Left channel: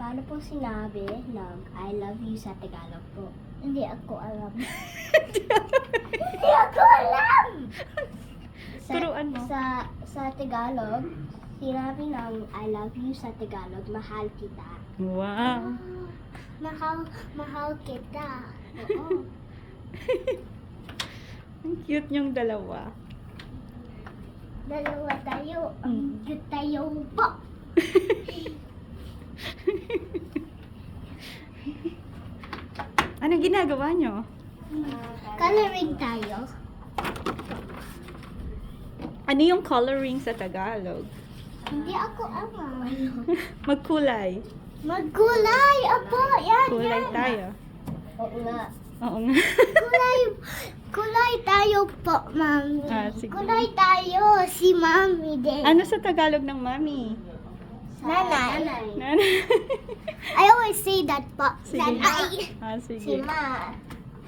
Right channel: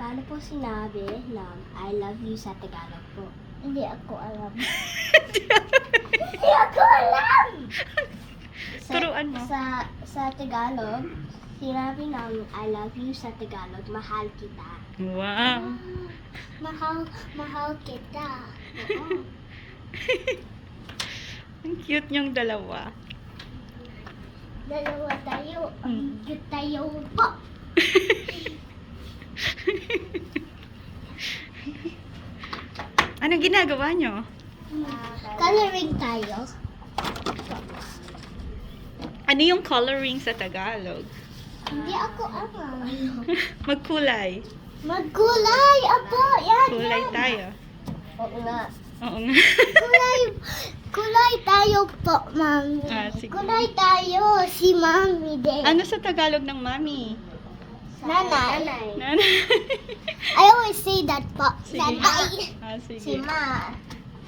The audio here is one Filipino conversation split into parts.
Paano po sinabi na I love you sa Tagalog po? Hindi ako alam. Hindi ako alam! Turuan mo. Sa Tagalog, sinabi ng I love you sa Tagalog, mahal kita. Wow. Mahal kita. Oo. Ang cute niyong dalawa. Dalawa tayo. Ang cute tayo po. Anong ginagawa niyo? Coloring tayo. Ano yung coloring sa Tagalog? Hindi ako alam. Magkulay. Magkulay! Apo! Yan! Kulay yan. tayo. Oo nga. Oo nga. Kulay tayo po, mami. Sige. Kulay tayo. Si mami din. Ano sa Tagalog ng mami? Nanay. Nanay. I always say that po. Sige. Nanay. Si Sige. ma.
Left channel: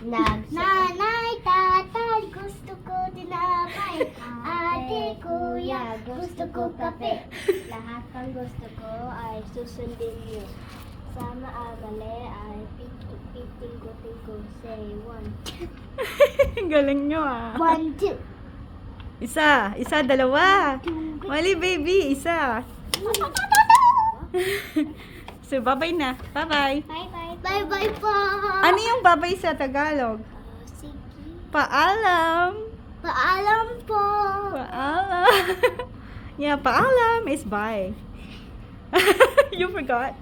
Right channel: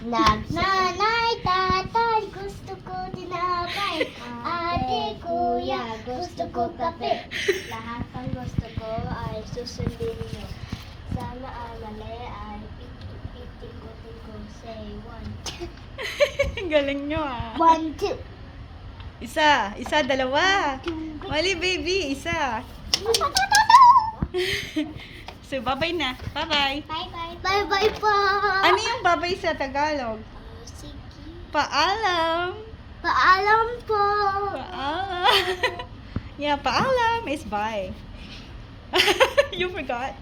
Nanay, tatay, gusto ko tinapay. Ate, kuya, gusto ko kape. Lahat ng gusto ko ay susundin nyo. Sana ang mali ay piting ko. Say one. Galing nyo ah. 1, 2. Isa, dalawa. Mali baby, isa. So, bye-bye na. Bye-bye. Bye-bye. Bye-bye po. Ano yung bye-bye sa Tagalog? Sige. Paalam. Paalam po. Paalam. Yeah, paalam is bye. You forgot?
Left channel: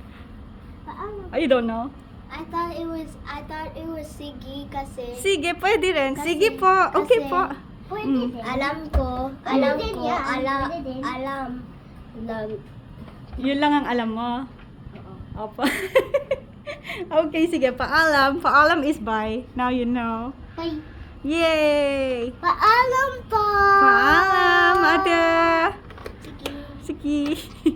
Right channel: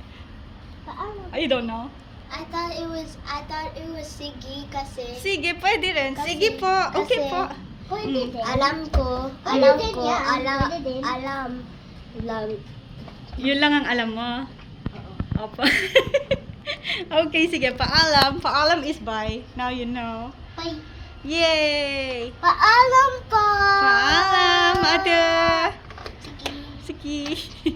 Paalam. I don't know. I thought it was sige kasi Sige, pwede rin. Kasi- Sige po. Okay kasi- po. pwede Mm. din. Alam ko. Yun lang ang alam mo. Opo. Okay, sige. Paalam. Paalam is bye. Now you know. Bye. Yay! Paalam po. Paalam.